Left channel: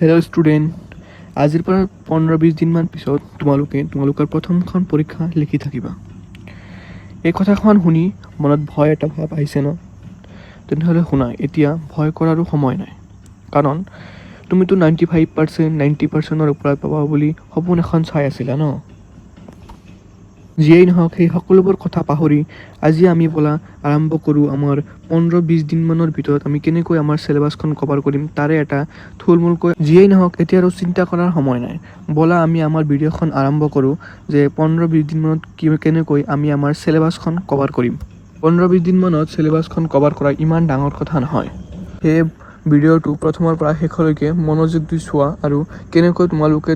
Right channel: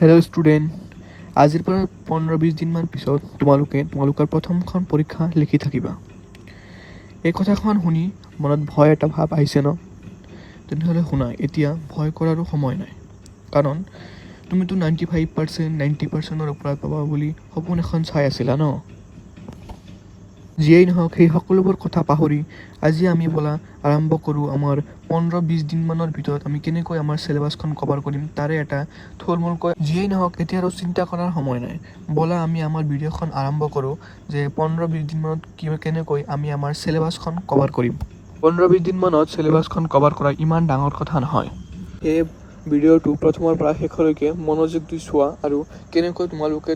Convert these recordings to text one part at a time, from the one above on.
Hello' student, আজিৰ পৰা 15-20 দিনমান পিছত তোমালোকৰ প্ৰথমখন পৰীক্ষা লিখি থাকিবা। এই কথাখন শুনি মনত ভয় এটা ভাৱ আহিছে ন? তেনেহ'লে শুনা, এতিয়া ভয় কৰাৰো সময় নাই। কাৰণ তুমিতো 95%, 90%ৰ ওপৰত পাবা বুলি সপোন এখন চাই আছিলা ন? যিয়েই নহওক, সেই সকলোবোৰ কথা পাহৰি আজি আমি ব'লা আৰম্ভ কৰোঁ আমাৰ 15-20 দিনমানৰ ভিতৰত আমি কেনেকৈ আমাৰ চিলেবাছখন কভাৰ কৰিম তাৰে এটা থুলমূলকৈ। যিয়েই নহওক, এতিয়া আৰু চিন্তা কৰাৰ সময় নাই। ব'লা আমি আমাৰ ভিডিঅ'খন আৰম্ভ কৰোঁ যে 15-20 দিনমানত কেনেকৈ আমি আমাৰ চিলেবাছখন কভাৰ কৰিম। 15-20 দিনমানত চিলেবাছখন কভাৰ কৰা ইমান ডাঙৰ কথা নহয়। সেই ভিডিঅ'টো প্ৰথমৰ পৰা শেষলৈকে মনোযোগ দি চোৱা আৰু কেনেকৈ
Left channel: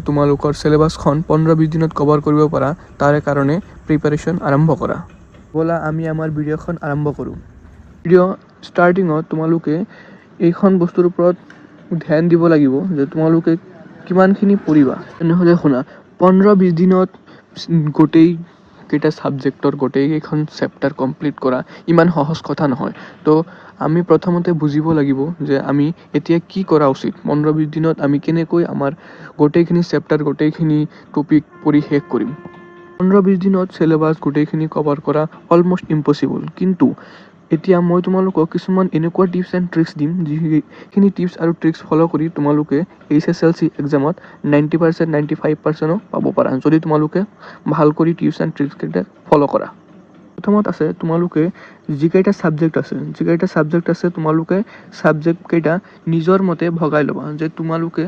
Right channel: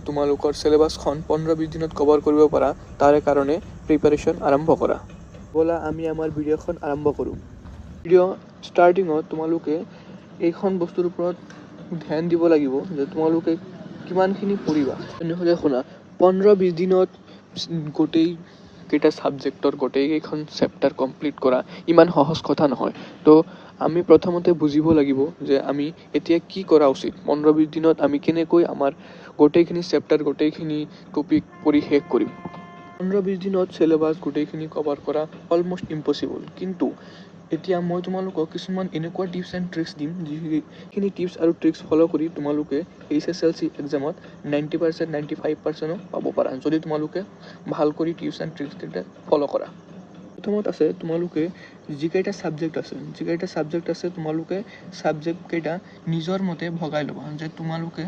তোমালোকৰ চিলেবাছখন 15-20 দিনত কভাৰ কৰিব পাৰা তাৰে কাৰণে প্ৰিপাৰেশ্যন আৰম্ভ কৰা। ব'লা আমি আমাৰ ভিডিঅ'খন আৰম্ভ কৰোঁ। ভিডিঅ' ষ্টাৰ্টিঙত তোমালোকে এইখন বস্তুৰ ওপৰত ধ্যান দিব লাগিব যে তোমালোকে কিমানখিনি পঢ়িবা। তেনেহ'লে শুনা, 15-20 দিনত গোটেইকেইটা ছাবজেক্টৰ গোটেইকেইখন চেপ্টাৰ কমপ্লিট কৰা ইমান সহজ কথা নহয়। তো আমি প্ৰথমতে বুজিব লাগিব যে আমি এতিয়া কি কৰা উচিত। 15-20 দিনত আমি কেনেকৈ আমাৰ গোটেইখিনি চেপ্টাৰ গোটেইখিনি টপিক পঢ়ি শেষ কৰিম। 15-20 দিনত চিলেবাছ গোটেইখিনি কভাৰ কৰা অলমষ্ট ইম্পচিবল। কিন্তু এতিয়া মই তোমালোকক কিছুমান এনেকুৱা টিপছ এণ্ড ট্ৰিক্স দিম যিখিনি টিপছ আৰু ট্ৰিক্স ফ'ল' কৰি তোমালোকে HSLC এক্সামত 90%, 95%ও পাব পাৰা যদি তোমালোকে ভাল কৰি টিপছ এণ্ড ট্ৰিক্সকেইটা ফ'ল' কৰা। প্ৰথমত আছে তোমালোকে যিকেইটা ছাবজেক্ট আছে তোমালোকে ছাবজেক্টকেইটা নিজৰ মতে ভগাই ল'বা যে তোমালোকে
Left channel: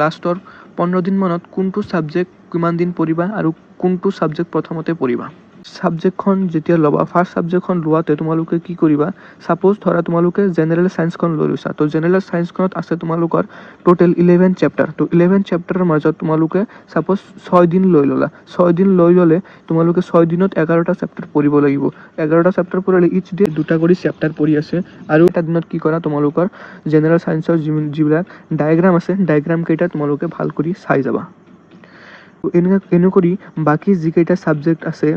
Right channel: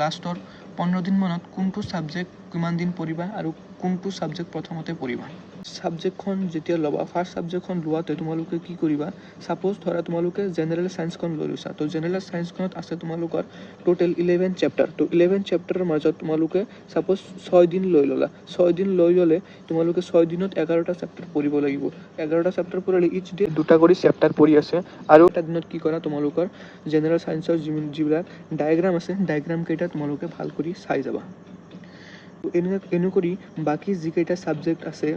লাষ্টৰ 15 দিনমানত কোনটো ছাবজেক্ট কিমান দিন পঢ়িবা আৰু কোনটো ছাবজেক্ট প্ৰথমতে পঢ়িবা। ছাবজেক্টখন যেতিয়া ল'বা, ফাৰ্ষ্ট ছাবজেক্টখন লোৱাতে তোমালোকে কি কৰিবা, ছাপ'জ ধৰা তোমালোকে জেনেৰেল ছায়েন্সখন লৈ লৈছা। তো জেনেৰেল ছায়েন্সখনত আছে তোমালোকৰ টোটেল 11 চেপ্টাৰ। তো 11 চেপ্টাৰৰ মাজত তোমালোকে ছাপ'জ 6 দিন লৈ ল'লা। 6 দিন লৈ ল'লে তোমালোকে 6 দিনত 11টা চেপ্টাৰ পঢ়িব লাগিব। 11টা চেপ্টাৰ পঢ়িলে ইচ ডে 2টা কৰি চেপ্টাৰ পঢ়ি আছে। আৰু এটা দিনত কি কৰা, তোমালোকৰ জেনেৰেল ছায়েন্সৰ যিবিলাক ডায়েগ্ৰাম আছে ডায়েগ্ৰামকেইটা তোমালোকে ভাল কৰি চাই যাবা। এনে কৰি বাকী যিকেইটা ছাবজেক্ট আছে,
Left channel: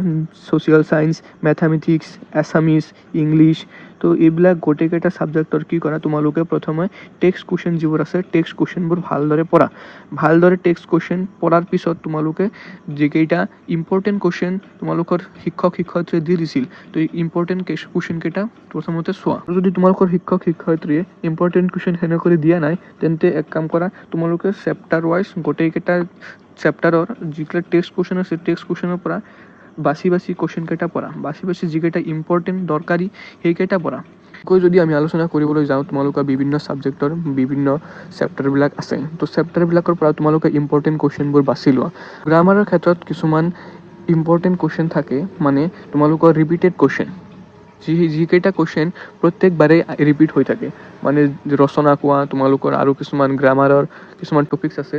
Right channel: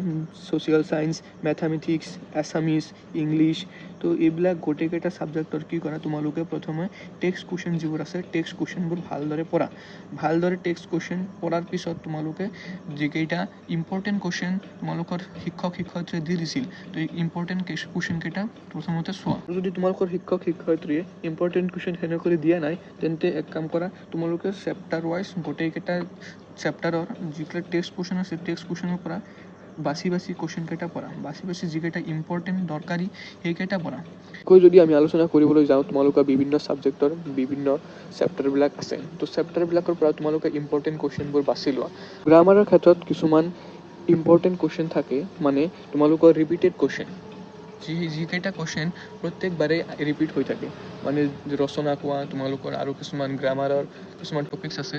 social science, mathematics, Assamese, English, তো এইবিলাক গোটেইকেইটা ছাবজেক্টৰ কি কৰা, তোমালোকে প্ৰথমে টেক্সট কুৱেশ্যন যিবোৰ আছে টেক্সট কুৱেশ্যনবোৰ ভালদৰে পঢ়া। ভালদৰে টেক্সট কুৱেশ্যন পঢ়াৰ পিছত তোমালোকে যিকেইটা ইম্পৰ্টেণ্ট কুৱেশ্যন তোমালোকৰ শিক্ষয়িত্ৰীয়ে দি দিছিল, তো ইম্পৰ্টেণ্ট কুৱেশ্যনকেইটা প্ৰথমতে চোৱা। যদি তোমালোকৰ শিক্ষয়িত্ৰীয়ে ইম্পৰ্টেণ্ট কুৱেশ্যন সেনেকৈ দিয়া নাই, তেন্তে এক কাম কৰা, তোমালোকে চেপ্টাৰ ৱাইজ গোটেইকেইটা চেপ্টাৰৰ যিকেইটা টেক্সট কুৱেশ্যন আছে টেক্সট কুৱেশ্যনৰ পৰা বাছি কুৱেশ্যনকেইটা পঢ়া। বাছি যিকেইটা ইম্পৰ্টেণ্ট দৰকাৰী সেইকেইটা পঢ়া। যদি আমি আলোচনা কৰিবলৈ যাওঁ, তোমালোকৰ বিভিন্ন ছাবজেক্টৰ বিভিন্ন চেপ্টাৰবিলাক আছে। তো চেপ্টাৰবিলাকৰ পৰা তোমালোকে ইম্পৰ্টেণ্ট কুৱেশ্যনবোৰ বাছি লোৱা। গ্ৰামাৰৰ ক্ষেত্ৰত কিছুমান ইম্পৰ্টেণ্ট কুৱেশ্যন থাকে, মানে তোমালোকৰ ৰিপিটেড কুৱেশ্যন। যিকেইটা কুৱেশ্যন প্ৰত্যেকবাৰেই ৰিপিট হৈ থাকে, মানে ৰচনা কোৱা তোমালোকৰ আৰু কিছুমান গ্ৰামাৰৰ কিছুমান টপিকছ আছে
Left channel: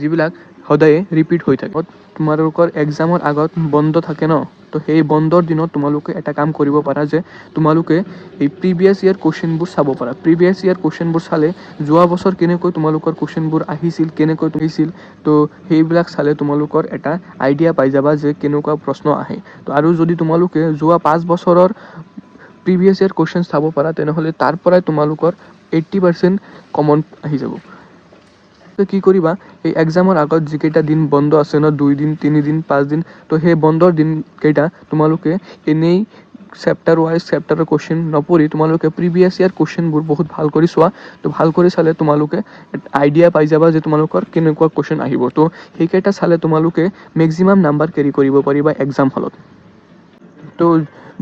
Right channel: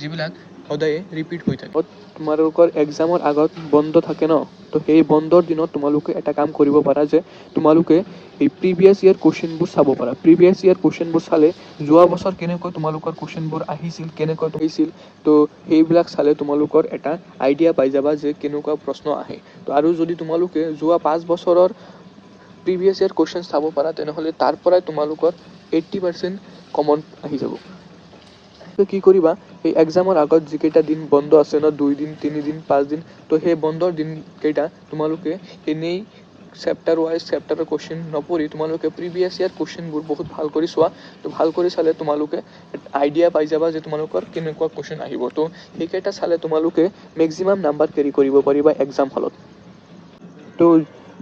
যিবিলাক সদায়ে ৰিপিট হৈ থাকে। তোমালোকৰ এক্সামৰ আগত বন্ধ থাকে ন, তো সেই বন্ধৰ দিনত তোমালোকে এটা কাম কৰিব পাৰা যে তোমালোকে এই প্ৰিভিয়াছ ইয়াৰ কুৱেশ্যনবোৰ চাব পাৰা। প্ৰিভিয়াছ ইয়াৰ কুৱেশ্যনবোৰ চালে যোৱা বছৰ কেনেকৈ তোমালোকৰ কুৱেশ্যনবোৰ আহিছিল, কেনেকৈ আহিছিল, তো সেইবিলাক চালে তোমালোকৰ এটা আইডিয়া পাই যাবা যে কেনেকুৱা প্ৰশ্ন আহে। তো আৰু যদি তোমালোকে যোৱা 5 বছৰৰ প্ৰিভিয়াছ ইয়াৰ কুৱেশ্যন চাব পাৰা, তেনেহ'লে তাৰ পৰাই তোমালোকৰ 80% কমন আহি যাব। কি কৰিবা, এই এক্সামৰ আগত যিকেইটা দিন বন্ধ আছে ন, 2 দিন, 3 দিন, 5 দিন, তো সেই বন্ধৰ দিনকেইটা তোমালোকে এনেই চেপ্টাৰ ৱাইজ চেপ্টাৰৰ কুৱেশ্যন নপঢ়ি তোমালোকে প্ৰিভিয়াছ ইয়াৰ কুৱেশ্যনবোৰ বহুত ভাল কৰি চোৱা। তো ভাল কৰি চালে তোমালোকে আইডিয়া পাই যাবা যে তোমালোকৰ কেনেকুৱা কুৱেশ্যন আহিব। তো সেইকেইটা চালে তোমালোকে মেক্সিমাম নাম্বাৰ কেৰি কৰিব পাৰিবা এক্সাম হলত। তো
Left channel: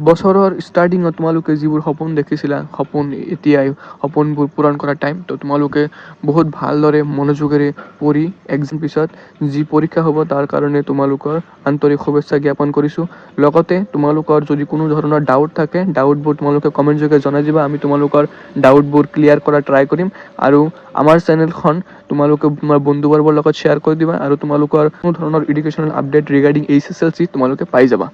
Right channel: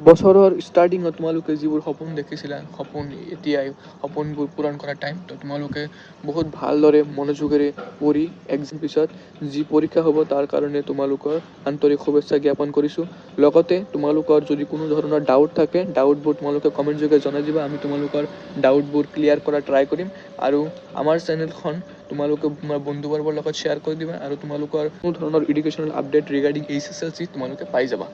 বছৰৰ ষ্টাৰ্টিঙত তোমালোকে যিবোৰ সপোন দেখিছিলা, এতিয়াই সপোনবোৰ পূৰণ কৰা টাইম। তো তোমালোকে বহুত ভালদৰে মনোযোগেৰে পঢ়ি এক্সাম পিছত যি পৰীক্ষা হ'ব তাৰ কাৰণে তোমালোকৰ আন্তৰিক শুভেচ্ছা জ্ঞাপন কৰিছোঁ। লগতে তোমালোকৰ যদি কোনো ধৰণৰ ডাউট থাকে, ডাউটবোৰ তোমালোকে কমেণ্ট যোগে জনাই দিবা। আমি তোমালোকৰ ডাউটবোৰ ক্লিয়াৰ কৰা ট্ৰাই কৰিম। আৰু আমাৰ চেনেলখন তোমালোকে তোমাৰ বন্ধুবৰ্গৰ লগত শ্বেয়াৰ কৰি দিবা আৰু তোমালোকৰ কোনো ধৰণৰ এডুকেশ্যনেল আপডেট ৰিগাৰ্ডিং HSLC তোমালোকে পাই যাবা।